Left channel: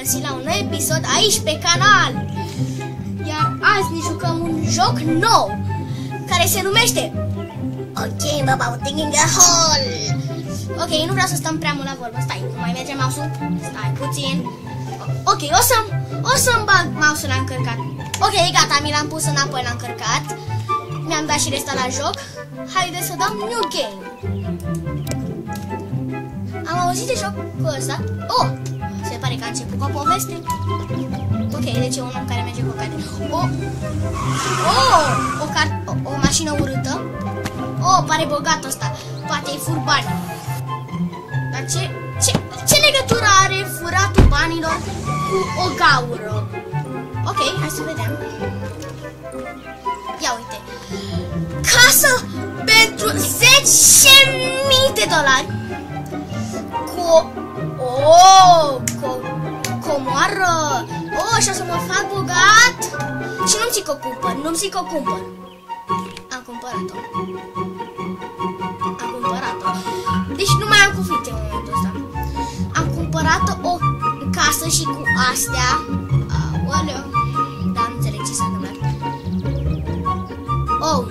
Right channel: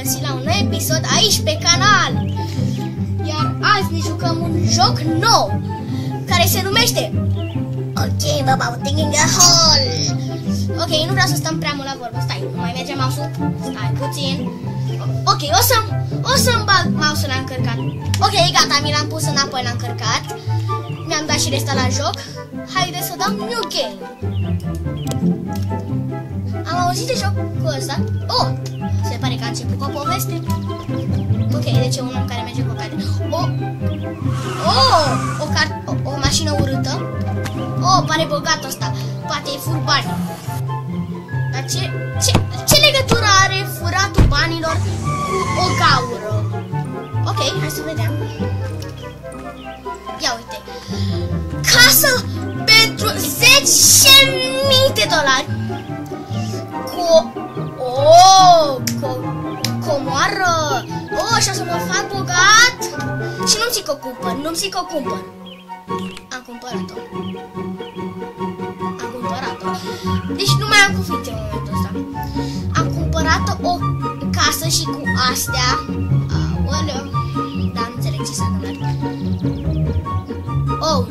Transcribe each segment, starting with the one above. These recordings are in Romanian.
regăsit la un nou episod aici pe canal. Iar azi ne jucăm un joc nou care se numește OK, about digging a hole. Ok, nu vreau să stăm prea mult la vorbă. Stai, nu mai merge mouse-ul? Stai puțin. Ok, o să-mi bag mouse-ul încărcat. Ok, gata, mi l-am pus înapoi, l-am încărcat. Mi-am dat și resta la joc. Haideți să dăm new game. Am auzit de jocul ăsta. Oh, se pare că a început cu o poveste. Ok, deci e un om care merge cu o carte. O mașină urâtă. Oh, pare bogat ăsta. Poate e fur bani. Dar ce legătură are furatul banilor cu o gaură? Ok, hai să vedem. Ia uite. Casă pentru 10.000 de dolari. Cu comoară. Oh, și o să mă fac bogat. Și nu-mi zic că o cumpăr, nu-mi zic că o cumpăr. Am cumpărat-o. Deci nu mai am cuvinte în momentul ăsta. Am cumpărat o casă și cu astea. Aoleu. Dar nu înțeleg ce s-a întâmplat. Oh.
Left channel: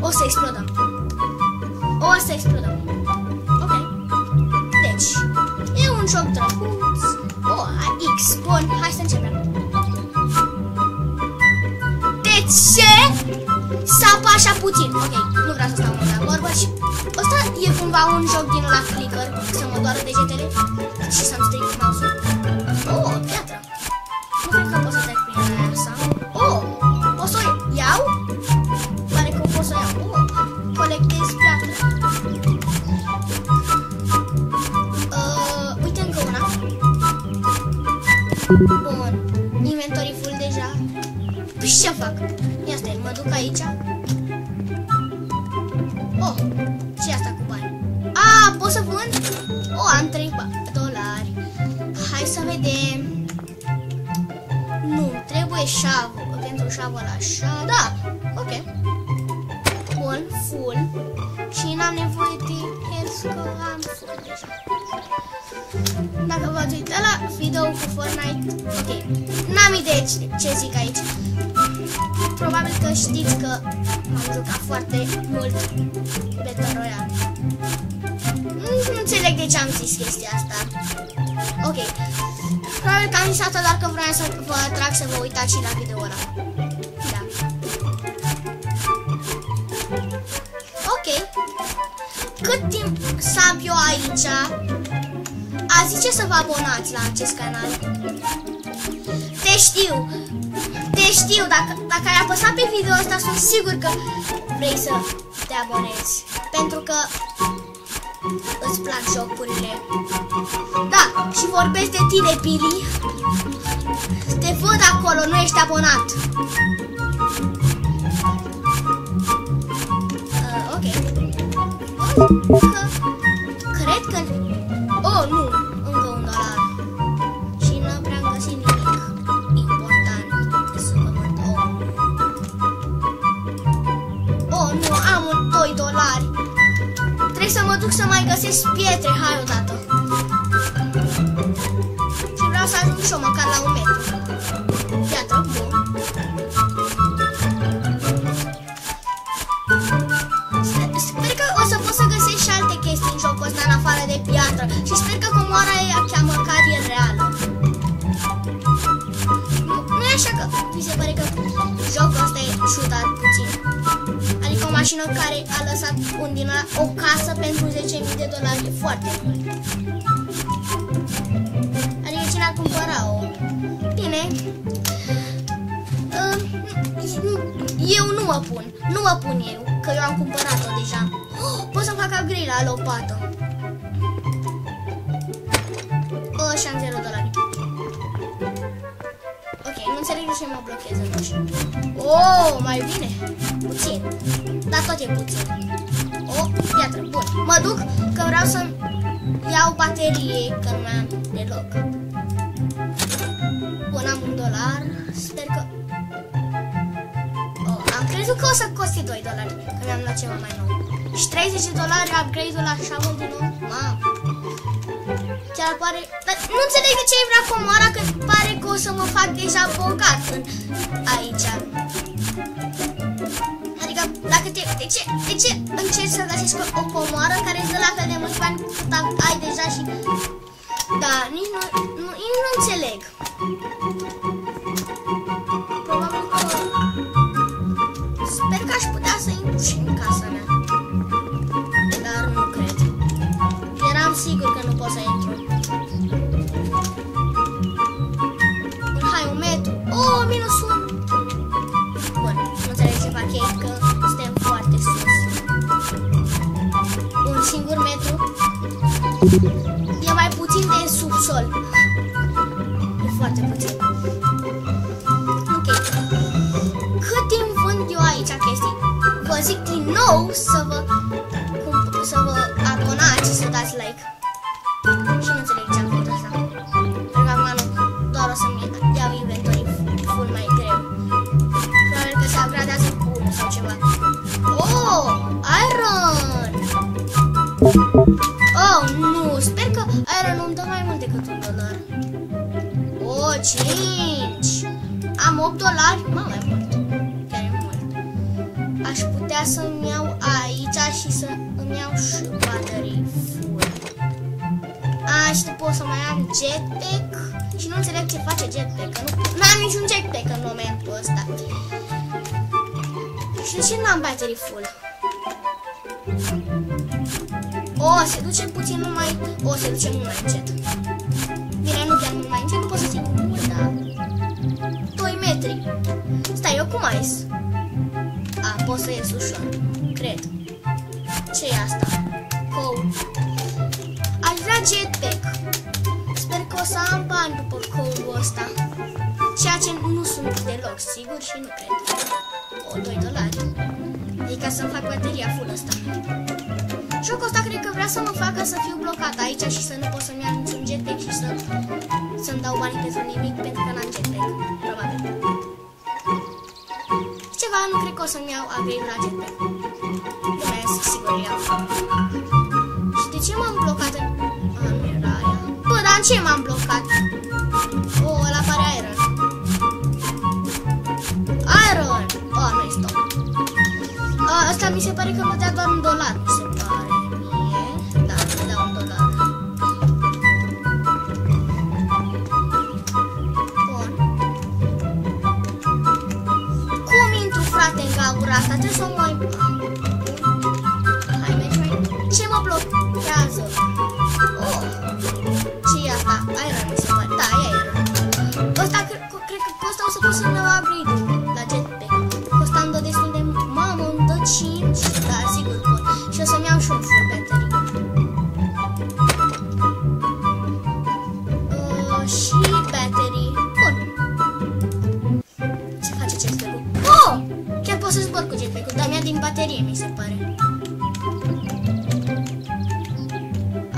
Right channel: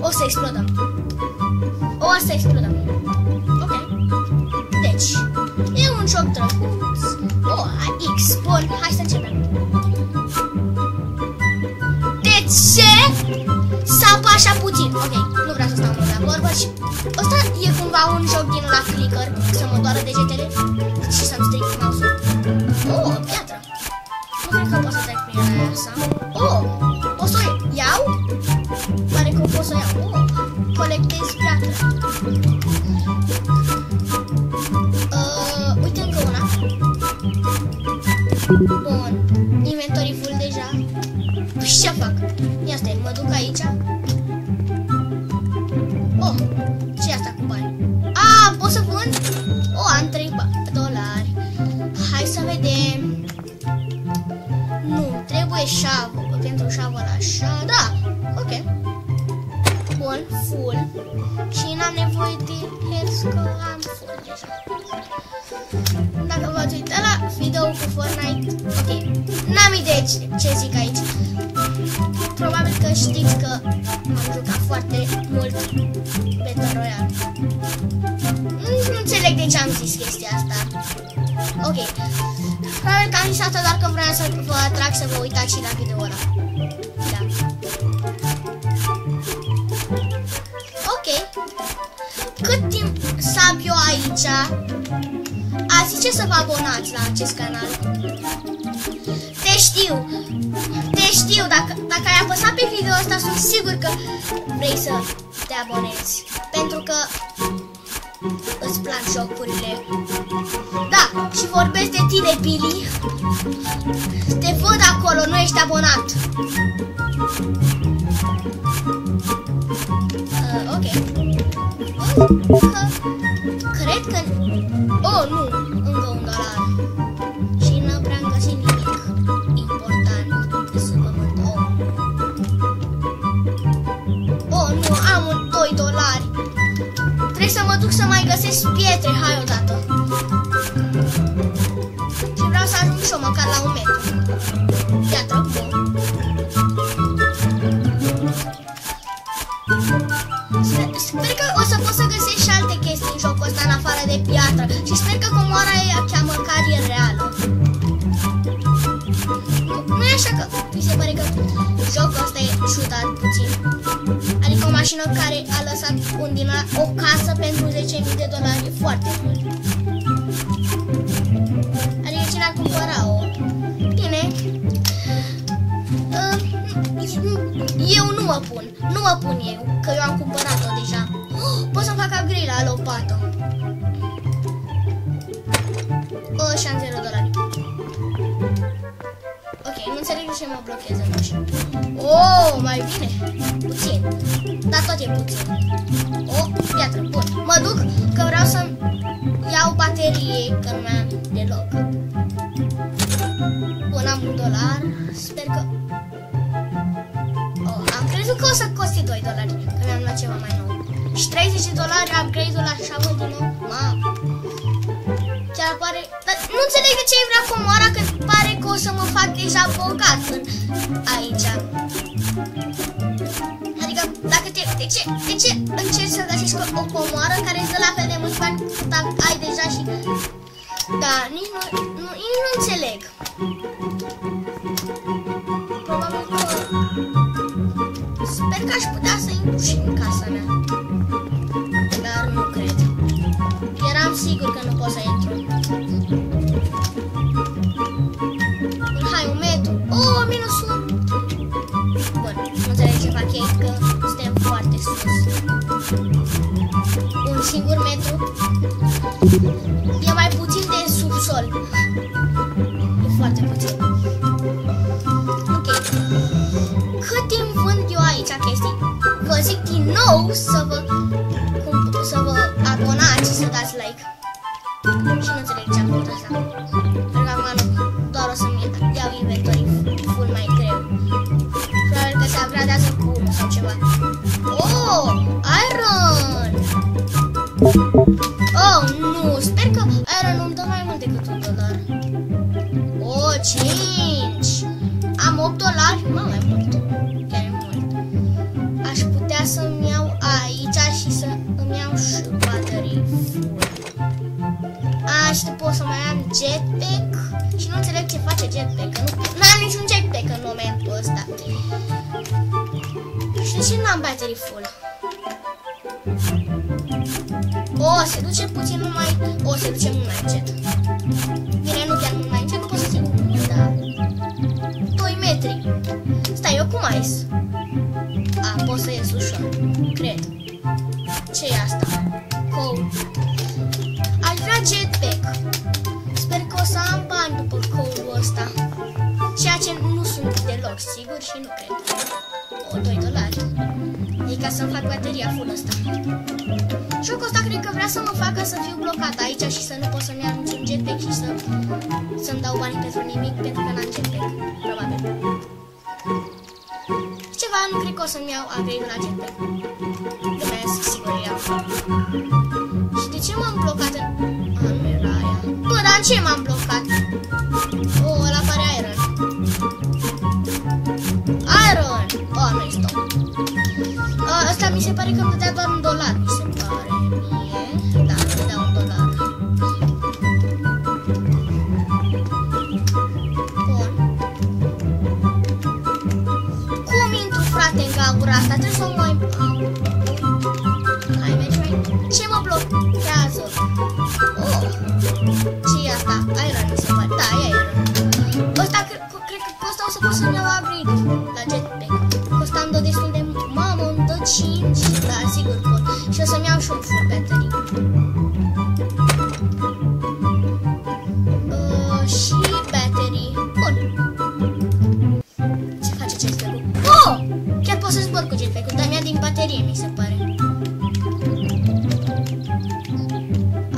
O să explodăm. Ok. Deci, e un joc drăguț. X. Bun, hai să începem. De ce să apă așa puțin? Ok, nu vreau să stau mult la vorbă. Și ăsta e cumva un joc din la clicker, să mă doară degetele și să-mi stric mouse-ul. Oh, piatră. Nu cred că pot să trec prin aia asta. Oh, pot să o iau? Pare că pot să o iau. Oh, colectez piatră. Uite încă una. Bun, inventory full deja. Păi ce fac? Ia stai, mă duc aici. Oh, ce e asta cu bani? Pot să vând? Am 3 dolari. Hai să vedem. Nu, trebuie șavă. Pentru șavă așa, da. Ok. Bun, full. Și n-am nevoie de health, că am full deja. Dacă v-ați uitat la video cu Fortnite, ok, n-am idee ce zic aici. Probabil că știți că m-am jucat foarte mult Battle Royale. Nu înțeleg de ce am zis chestia asta. Ok, probabil că am zis asta doar că vreau să vă atrag să vă uitați și la video ăla. Da. Ok. Cât timp sap eu aici, a zice să vă abonați la acest canal. Te știu, dacă ai apăsat pe video ăsta, sunt sigur că vrei să te abonezi. Pentru că îți plac jocurile. Da, și vorbesc de tine, Billy. Te văd acolo, nu ești abonat. Ok. Cred că... Oh, nu, încă $1. Și nu prea-am găsit nimic important să vă văd. Oh, nu, am 2 dolari. Trebuie să mă duc să mai găsesc pietre, hai odată. Și vreau să ajung și eu măcar la 1 metru. Piatră, bun. Sper că o să pot să găsesc și alte chestii în jocul ăsta în afară de piatră. Și sper că comoara aia chiar măcar e reală. Nu e așa că mi se pare că jocul ăsta e șutat puțin. Adică o mașină care a lăsat o casă pentru 10.000 de dolari e foarte mult. Adică cine ar cumpăra-o? Bine. Eu nu mă pun eu, că eu am cumpărat-o deja. Pot să-mi fac upgrade la lopată. Și am 0 dolari. Ok, nu înțeleg de ce mă blochează, nu știu. Mai bine. Puțin. Dar tot e puțin. Piatră, bun. Mă duc că vreau să iau baterie, că nu mai am deloc. Bun, am $1. Sper că... am crezut că o să coste 2 dolari, că mi-am luat ceva mai nou. Și 30 de dolari upgrade-ul la șavă din nou. Mamă. chiar pare... Dar nu înțeleg de ce vrea comoara, că pare că o să mă fac deja bogat aici. Adică, dacă de ce încerci să găsești o comoară care îți dă la fel de mulți bani cât ai deja și... Da, nici nu înțeleg. Probabil că... Sper că aș putea să intru și în casa mea. Dar nu cred. Eram sigur că nu pot să intru. Hai, un metru. Oh, minus 1. Bun, nu înțeleg ce fac ei, că suntem foarte sus. Un singur metru. E mai puțin de subsol. E foarte puțin. Ok. Cât timp vând eu aici chestii? Vă zic din nou să vă abonați și să dați like. Și nu înțeleg ce am făcut asta. Pentru că acum doar o să-mi iau inventorii full mai greu. Probabil că se upgradează cu 1 sau ceva. Oh, iron! Oh, nu, sper că iron îmi dă mai mult decât $1. Oh, 5! Am $8? Mă, mai mult. Chiar e mult. Aș putea să-mi iau aici și să îmi iau și baterii full. Și pot să mai am jetpack. Și nu înțeleg ce face jetpack. Nu am niciun jetpack în momentul ăsta. Și de ce n-am baterii full? Se duce puțin numai... se duce mult mai încet. Bine, nu chiar mult mai încet, nu pot să țin mult, dar... 2 metri. Stai, eu cum ai? Pot să ies ușor. Cred. Ce e asta? Code. Aș vrea jetpack. Sper că o să am bani după code-ul ăsta. Ceea ce nu sunt deloc sigur și nu cred. $2. E ca să-mi fac bateria full ăsta. Jocul ăsta cred că vrea să mă facă să fiu blocat aici și să nu pot să-mi iau niciun jetpack și să-mi dau banii pentru nimic, pentru că n-am jetpack. Probabil. Ceva, nu cred că o să-mi iau upgrade la jetpack. Glumesc, sigur iau. Și de ce m-am blocat în... nu era aia. Bă, dar în ce m-am blocat? Ăla pare iron. Iron! Nu-i stop. Asta mi se pare că îmi dea doar $1, mi se pare mie. Da, îmi dea $1. Bun. Cum intru, frate, în gaura asta? Trebuie să o mai... Hai, mergi mai... Ce mă blochează? Ce e asta? Iron, mi se pare. Da, e iron. Ăsta, cred că cu ăsta o să pot să-mi iau upgrade la jetpack. Costând destul de... Mamă, îmi dă 5. Da, sigur pot. Și o să-mi iau și un full battery. Și battery. Bun. Ce face jetpack-ul? Chiar pot să zbor cu jetpack-ul, dar mi-a din baterie, mi se pare.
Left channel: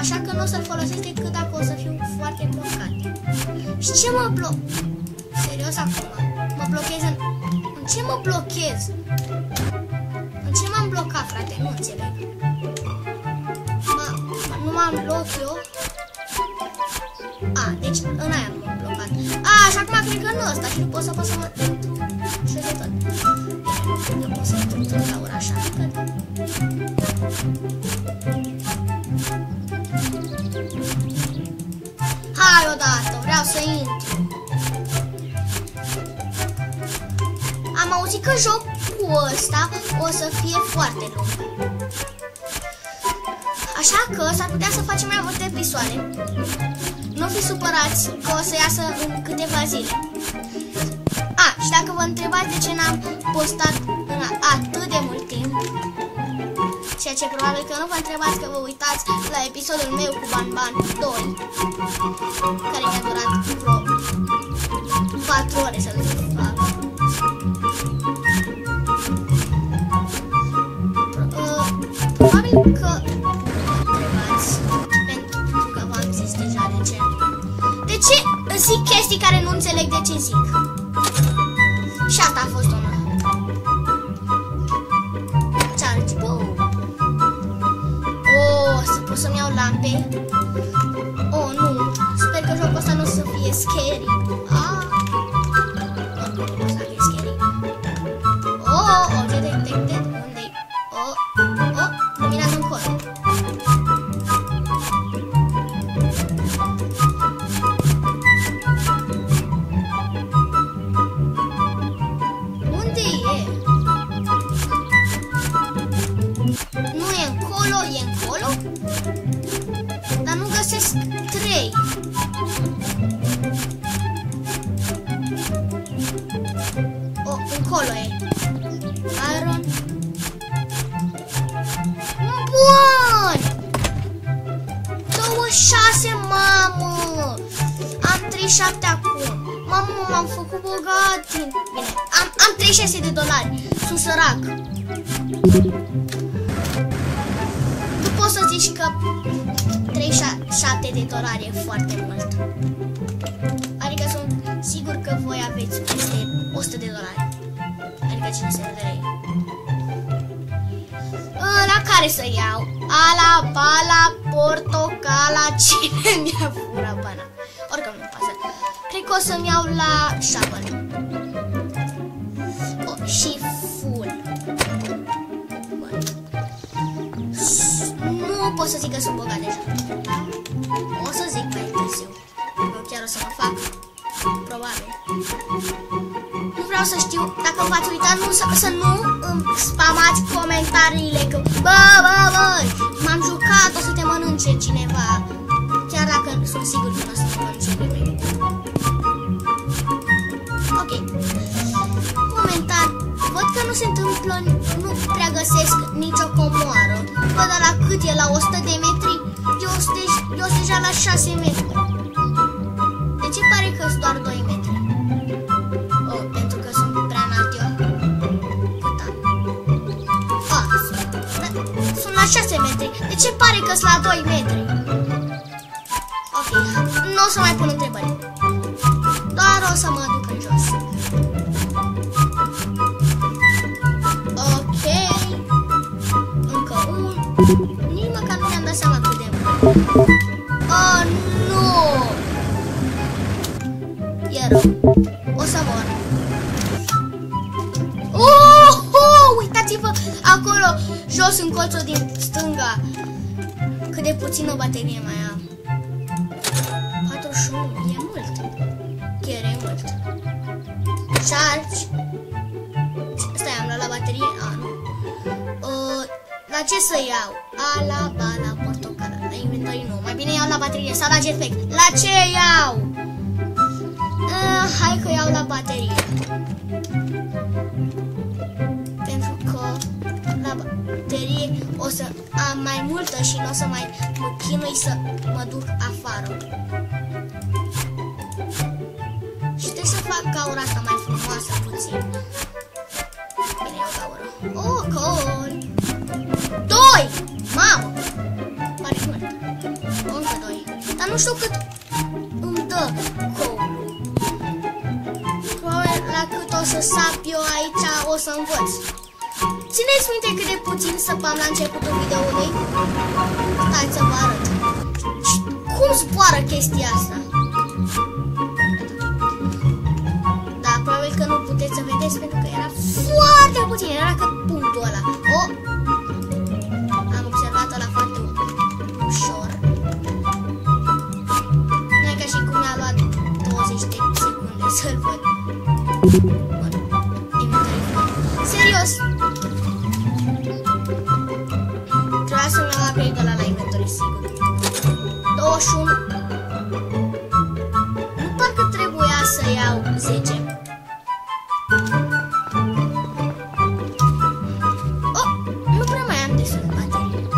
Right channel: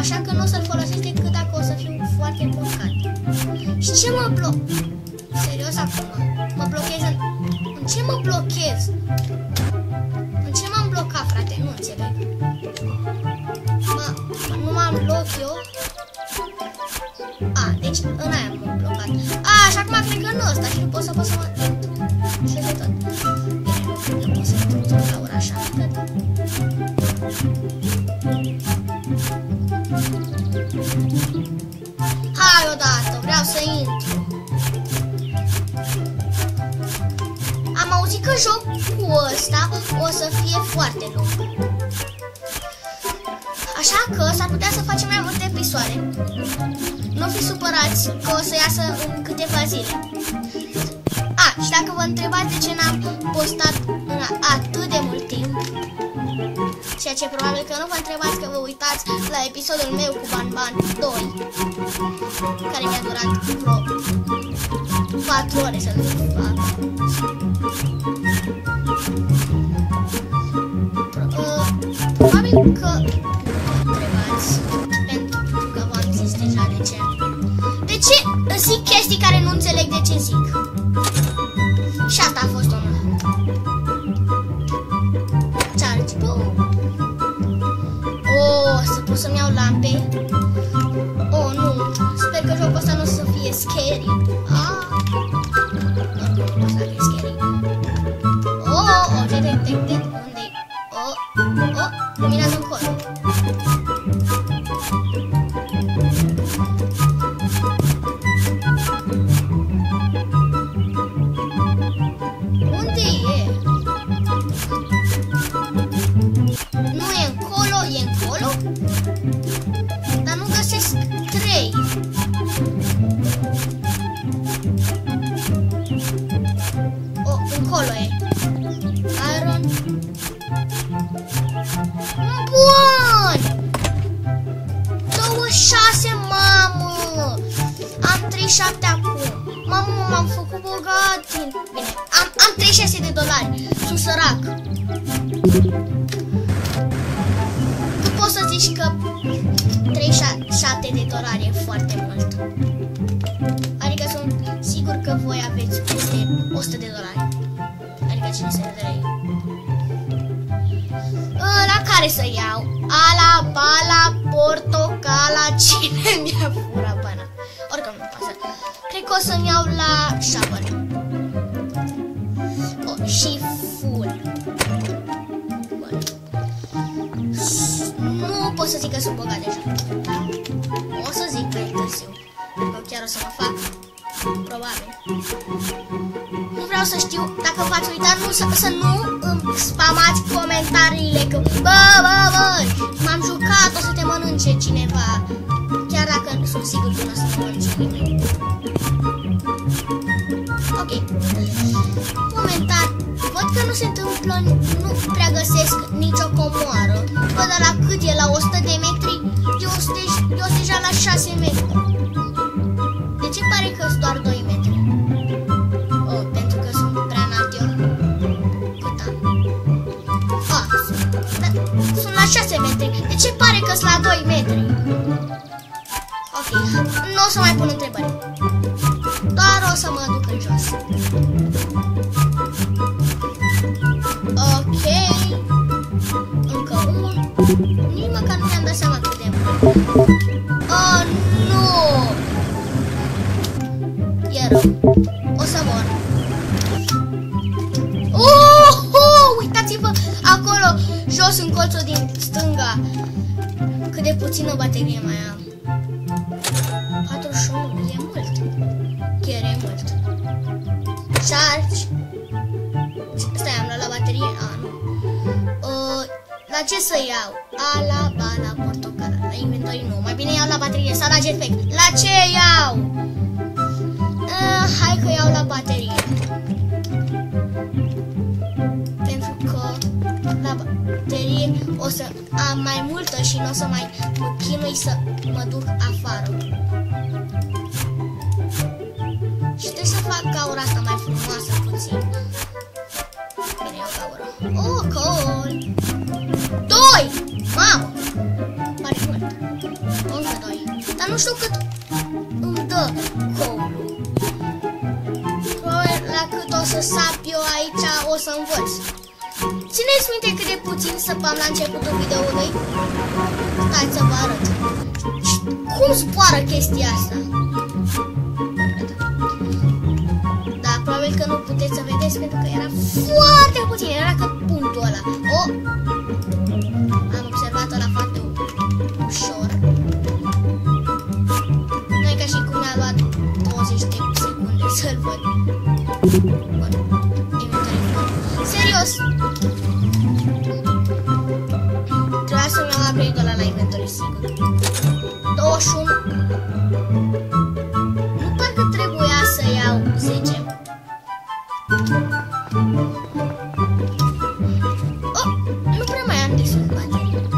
Așa că nu o să-l folosesc decât dacă o să fiu foarte blocat. Și ce mă bloc? Serios acum? Mă blochez în... În ce mă blochez? În ce m-am blocat, frate? Nu înțeleg. Nu m-am blocat eu? Deci în aia m-am blocat. Și acum cred că nu ăsta și nu pot să mă intru și de tot. Bine, nu pot să intru la ora așa. Hai odată, vreau să intru. Am auzit că jocul ăsta o să fie foarte lung. Așa că s-ar putea să facem mai multe episoade. Nu fi supărați că o să iasă în câteva zile. Și dacă vă întrebați de ce n-am postat în atât de mult timp, ceea ce probabil că nu vă întrebați, că vă uitați la episodul meu cu Banban 2, care mi-a durat vreo 4 ore să-l fac. Probabil că întrebați, pentru că v-am zis deja de ce. De ce zic chestii care nu înțeleg de ce zic? Și asta a fost una. Charge boom. Să pot să-mi iau lampe? Nu. 36, mamă! Am 37 acum. Mamă, m-am făcut bogat. Bine, am 36 de dolari. Sunt sărac. Nu poți să zici că 37 de dolari e foarte mult. Adică sunt sigur că voi aveți peste 100 de dolari. Adică 500 de lei. La care să iau? Ala, bala, portocala. Cine mi-a furat bana? Oricum nu pasă. Cred că o să-mi iau la shovel. Și full. Bun. Nu pot să zic că sunt bogat deja. Da? O să zic mai târziu. Eu chiar o să mă fac. Probabil. Nu vreau să știu. Dacă v-ați uitat, să nu îmi spamați comentariile că bă, m-am jucat, o să te mănânce cineva. Chiar dacă sunt sigur că nu o să te mănânce nimeni. Ok. Momentan văd că nu se întâmplă, nu prea găsesc nicio comoară. Bă, dar la cât e? La 100 de metri? Eu sunt deja la 6 metri. De ce pare că sunt doar 2 metri? Oh, pentru că sunt prea înalt eu. Cât am? Sunt la 6 metri. De ce pare că sunt la 2 metri? Ok, nu o să mai pun întrebări. Doar o să mă duc în jos. Ok. Încă unul. Nici măcar nu mi-am dat seama cât de mult. Oh, nu! E rău. O să mor. Uitați-vă acolo, jos în colțul din stânga. Cât de puțină baterie mai am. 41, e mult. Chiar e mult. Charge. Stai, am luat la baterie? Nu. La ce să iau? Ala, bala, portocala. La inventory nu. Mai bine iau la baterie sau la jetpack. La ce iau? Hai că iau la baterie. Pentru că la baterie o să am mai multă și nu o să mai mă chinui să mă duc afară. Și trebuie să fac gaura asta mai frumoasă puțin. Bine, iau gaură. Oh, cool! 2! Mamă! Pare mult. Încă 2. Dar nu știu cât îmi dă coul-ul. Probabil la cât o să sap eu aici o să învăț. Țineți minte cât de puțin săpam la începutul videoului? Hai să vă arăt. Cum zboară chestia asta? Da, probabil că nu puteți să vedeți pentru că era foarte puțin. Era ca punctul ăla. Am observat-o la foarte ușor. Nu e ca și cum mi-a luat 20 de secunde să-l văd. Bun. Serios. Trebuia să-mi iau upgrade-ul ăla la inventory, sigur. 21. Nu parcă trebuia să iau 10. Nu prea mai am destul de baterii.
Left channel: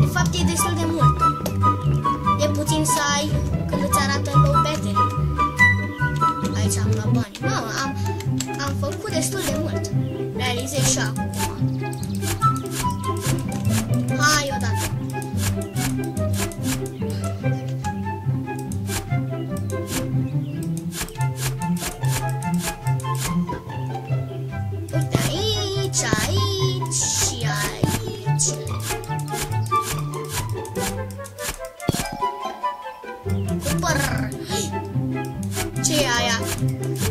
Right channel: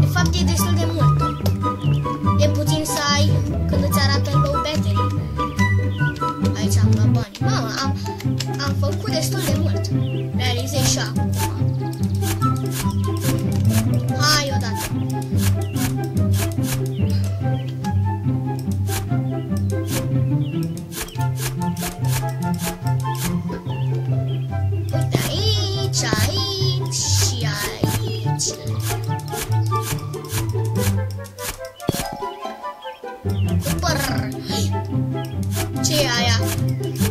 De fapt e destul de mult. E puțin să ai când îți arată low battery. Aici am luat bani. Mamă, am făcut destul de mult. Realizez și acum. Hai odată. Uite aici, aici și aici. Super. Ce e aia?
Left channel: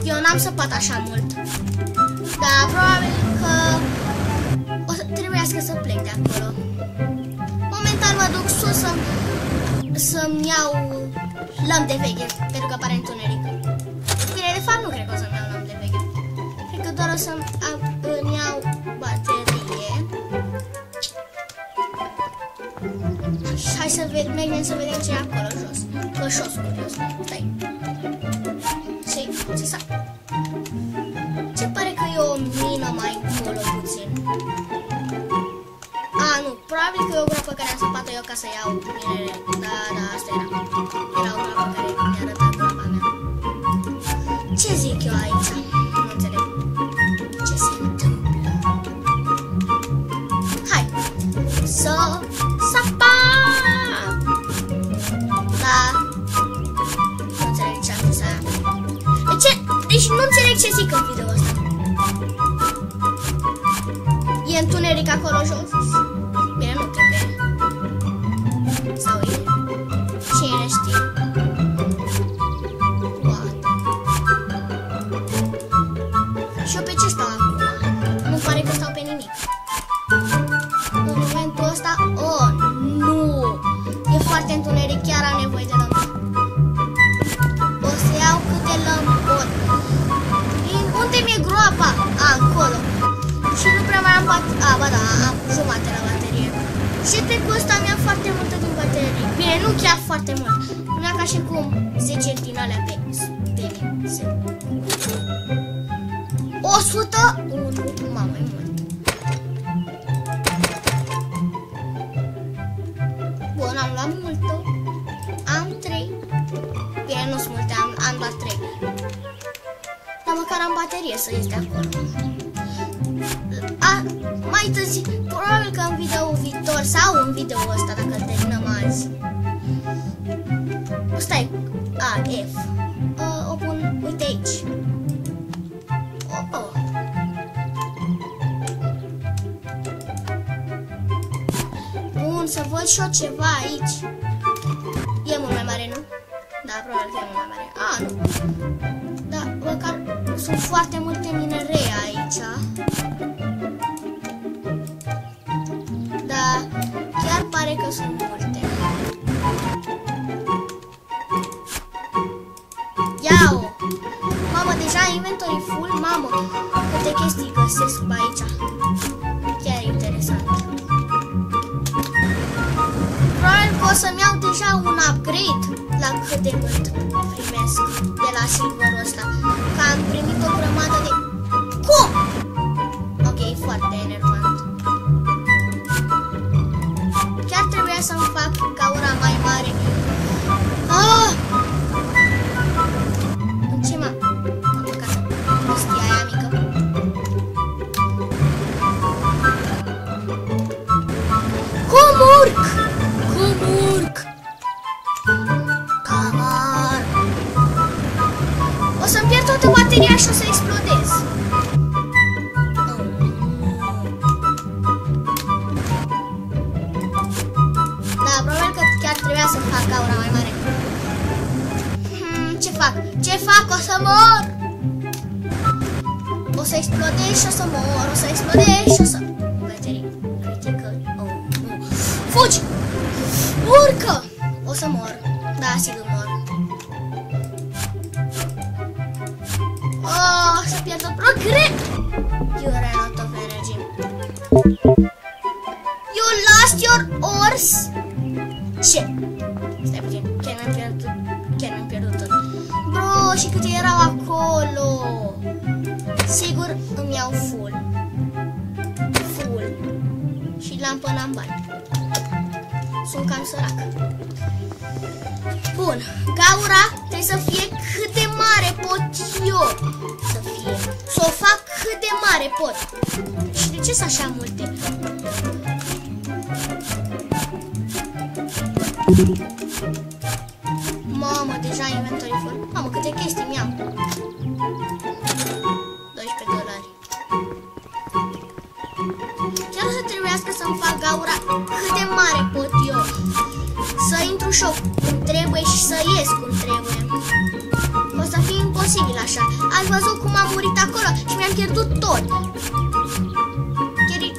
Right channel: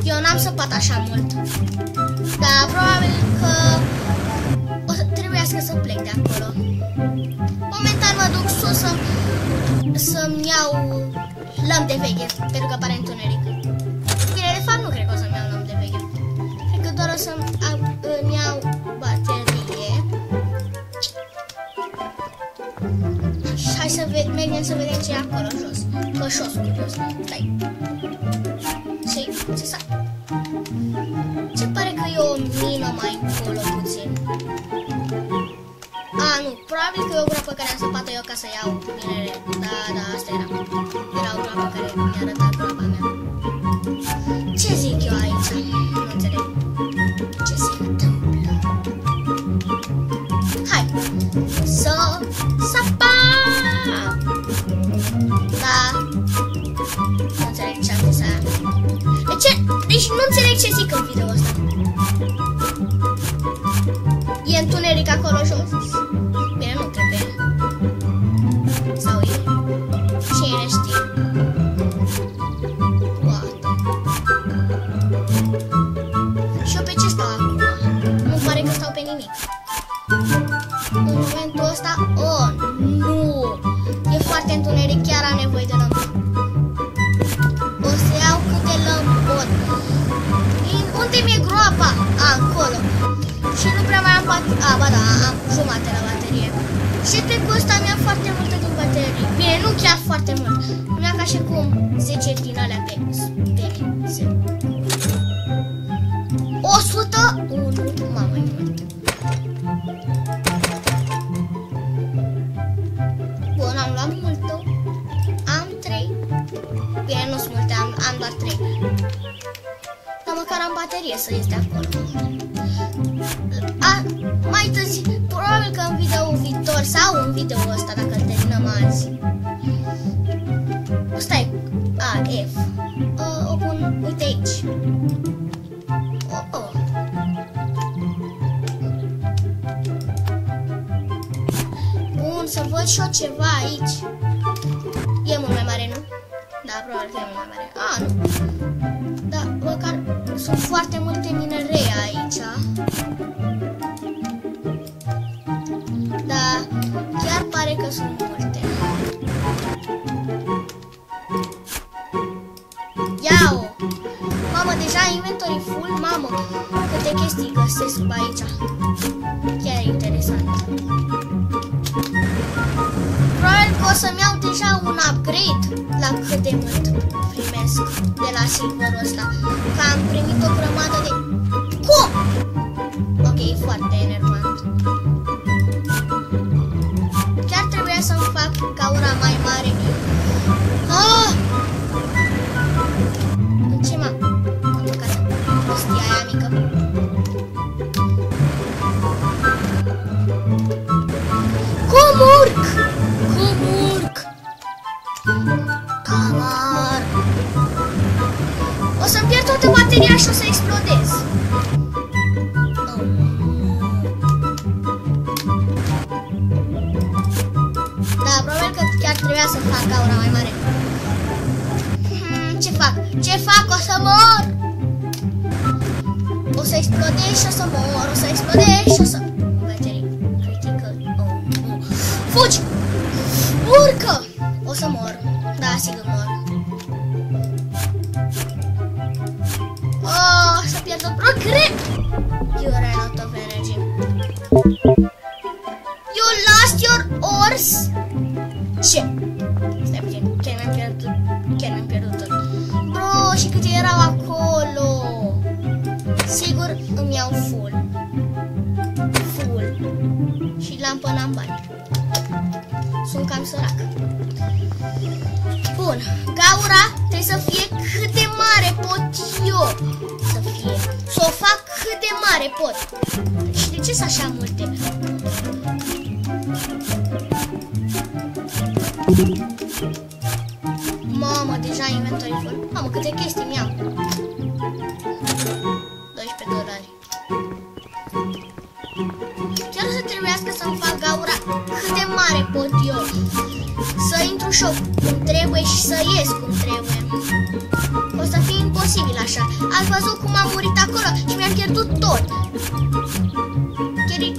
Eu n-am săpat așa mult. Dar probabil că o să trebuiască să plec de acolo. Momentan mă duc sus să-mi iau lămpi de veche, pentru că pare întuneric. Bine, de fapt nu cred că o să-mi iau lămpi de veche. Cred că doar o să-mi iau baterie. Hai să mergem să vedem ce e acolo jos. Că șos curios. Stai. Ce s-a... Se pare că e o mină mai încolo puțin. Nu, probabil că e o groapă care am săpat eu ca să iau minere. Da, asta era. Era o groapă care mi-a arătat groapa mea. Ce zic eu aici? Nu înțeleg. Ce se întâmplă? Hai! Să sapăm! Da. Nu înțeleg ce am zis aia. Deci nu înțeleg ce zic în video ăsta. E întuneric acolo jos? Bine, nu cred că e. Sau e? Cine știe? Poate. Și eu pe ce stau acum? Nu pare că stau pe nimic. În momentul ăsta... Oh, nu! E foarte întuneric, chiar am nevoie de lămpă. O să iau câte lămpi pot. Unde mi-e groapa? Acolo. Și nu prea mai am baterie. Ba da, am jumate la baterie. Și cred că ăsta mi-a foarte multă din baterie. Bine, nu chiar foarte mult. Mi-a ca și cum 10 din alea pe 101. Mamă, e mult. Bun, am luat multă. Am 3. Bine, nu sunt multe, am doar 3. Dar măcar am baterie să este acolo. Mai târziu, probabil că în video viitor sau în video ăsta, dacă îl terminăm azi. Stai, F. O pun, uite aici. Bun, să văd și eu ceva aici. E mult mai mare, nu? Da, probabil că e mult mai mare. Nu. Da, măcar sunt foarte multe minerei aici. Da, chiar pare că sunt multe. Ia-o! Mamă, deja inventory full. Mamă, câte chestii găsesc pe aici. Chiar interesant. Probabil că o să-mi iau deja un upgrade la cât de mult primesc de la silverul ăsta. Că am primit o grămadă de... Cum? Ok, e foarte enervant. Chiar trebuia să-mi fac gaura mai mare. În ce m-am băgat prostia aia mică? Cum urc? O să-mi pierd toată bateria și o să explodez. Da, probabil că chiar trebuia să fac gaura mai mare. Ce fac? Ce fac? O să mor! O să explodez și o să mor. O să explodez și o să... Baterii critical. Fugi! Urcă! O să mor. Da, sigur mor. Să pierd o progres. You ran out of energy. You lost your ores? Ce? Stai puțin, chiar mi-am pierdut tot. Bro, și câte erau acolo? Sigur îmi iau full. Și lampă n-am bani. Sunt cam sărac. Bun, gaura trebuie să fie cât de mare pot eu să fie. Să o fac cât de mare pot. Și de ce sunt așa multe? Mamă, deja inventory full. Mamă, câte chestii mi-am. $12. Chiar o să trebuiască să-mi fac gaura cât de mare pot eu. Să intru și eu cum trebuie și să ies cum trebuie. O să fie imposibil așa. Ați văzut cum am murit acolo și mi-am pierdut tot. Chiar e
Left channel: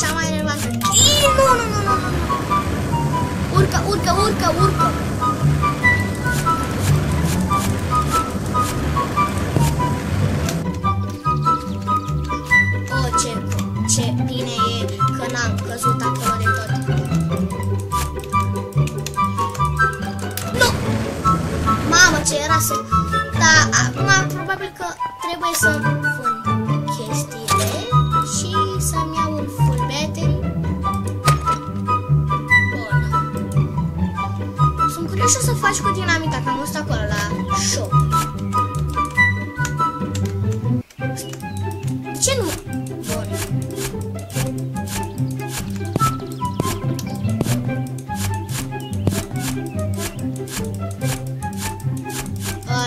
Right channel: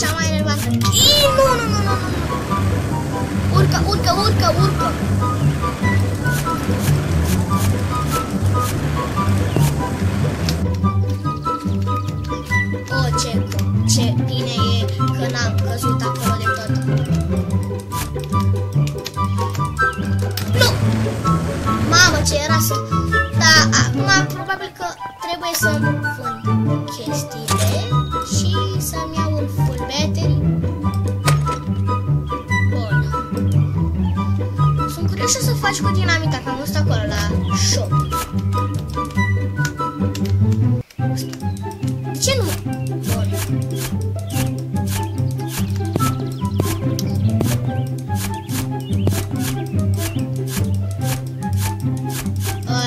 cea mai enervantă. Nu. Urcă. Ce bine e că n-am căzut acolo de tot. Nu! Mamă, ce era să... Da, acum probabil că trebuie să-mi vând chestiile și să-mi iau un full battery. Eu știu să faci cu dinamita, că am văzut acolo la shop. De ce nu? Bun.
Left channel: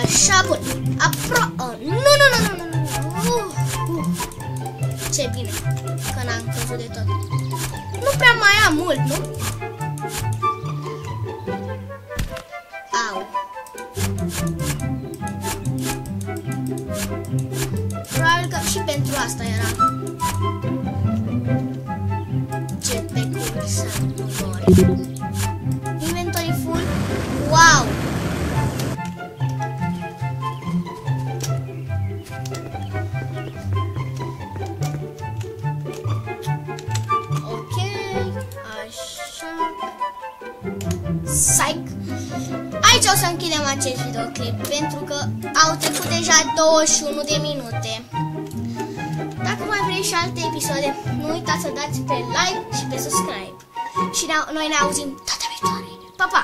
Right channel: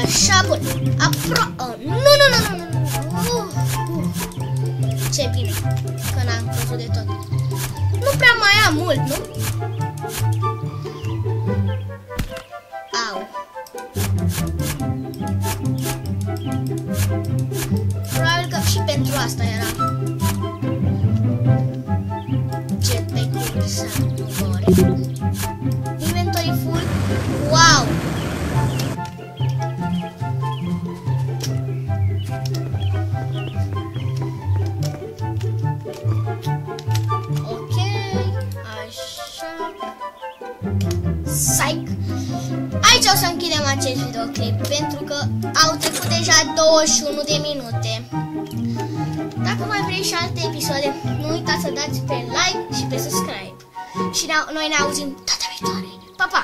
Așa, bun. Nu. Ce bine că n-am căzut de tot. Nu prea mai am mult, nu? Au. Probabil că și pentru asta era. Jetpack-ul să nu mori. Inventory full. Wow! Psych. Aici o să închidem acest videoclip pentru că au trecut deja 21 de minute. Dacă mai vrei și alte episoade, nu uitați să dați pe like și pe subscribe. Și noi ne auzim data viitoare. Pa, pa!